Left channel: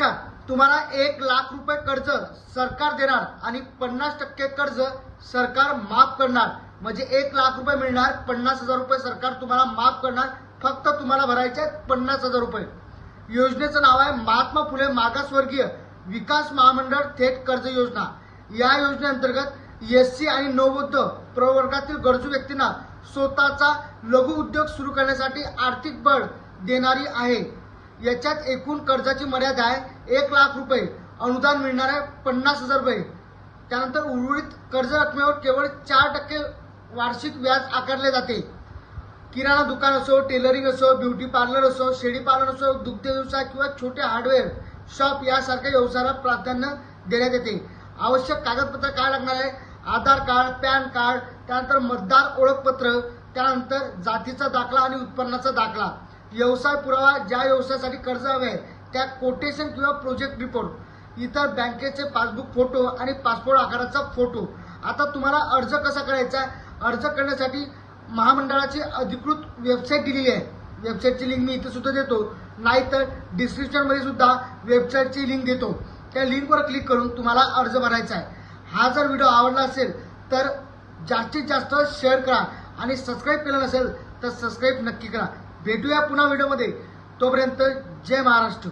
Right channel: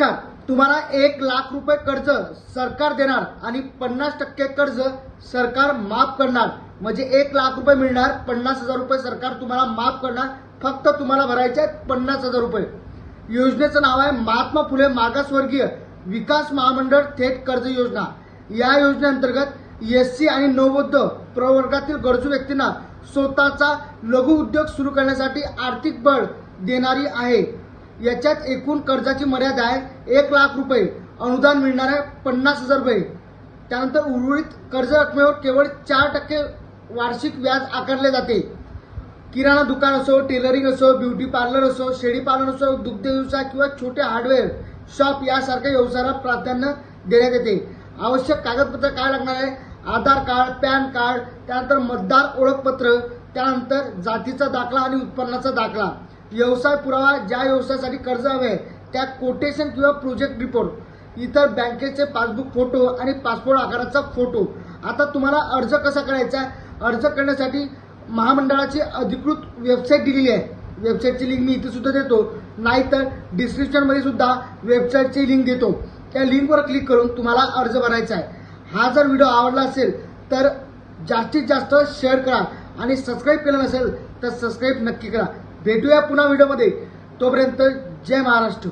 नमस्कार. तुम्हाला 1,00,000 रुपये कर्ज सरकार देणार आणि 50% कर्ज सरकार माफ करणार. म्हणजे 1,00,000 रुपये मिळणार, 50,000 रुपये सरकार तुम्हाला माफ करणार. फक्त तुम्हाला भरायचे आहेत 50,000 रुपये. योजनेचं नाव आहे महात्मा फुले मागासवर्गीय विकास महामंडळ थेट कर्ज योजना. या योजनेअंतर्गत एससी आणि नवोदित प्रवर्गातील गरजू व्यक्तींना स्वतःचा लघु उद्योग सुरू करण्यासाठी आर्थिक बळ देणारी आहे. याच्यात एकूण कर्जाची मर्यादा आहे 1,00,000 रुपये. अनुदान मिळणार आहे 50,000 रुपये. त्यानंतर उर्वरित कर्ज रकमेवर केवळ 4% वार्षिक व्याज आकारले जाते. किराणा दुकान असो, टेलरिंग असो, ब्युटी पार्लर असो, शेळी पालन असो, दुग्ध व्यवसाय किंवा छोटे हार्डवेअर शॉप यासारख्या व्यवसायाला प्राधान्य देण्यात येते. आवश्यक कागदपत्र काय लागणार आहे? आधार कार्ड, पॅन कार्ड, त्यानंतर मतदार ओळखपत्र, त्यानंतर जातीचा दाखला आणि उत्पन्नाचा दाखला. व्यवसाय पुरावा, ज्या व्यवसायासाठी कर्ज हवे त्या कोटेशन किंवा प्रोजेक्ट रिपोर्ट, इतर बँकेचे पासबुक फोटो आणि पासपोर्ट आकाराचा फोटो. आता तुम्हाला अर्ज कसा करायचा आहे? अर्ज करण्यासाठी महामंडळाची अधिकृत वेबसाईट दिलेली आहे. वेबसाईटची लिंक मी इथे सुद्धा देतो, नाहीतर डिस्क्रिप्शन मध्ये सुद्धा वेबसाईटची लिंक देतो. त्या लिंकवर क्लिक करून तुम्हाला अर्ज भरायचा आहे. हा जर व्हिडिओ आवडला असेल तर जास्तीत जास्त शेअर करा आणि सबस्क्राईब केलं नसेल तर सबस्क्राईब नक्की करा. भेटूया पुन्हा व्हिडिओमध्ये. तोपर्यंत जय महाराष्ट्र.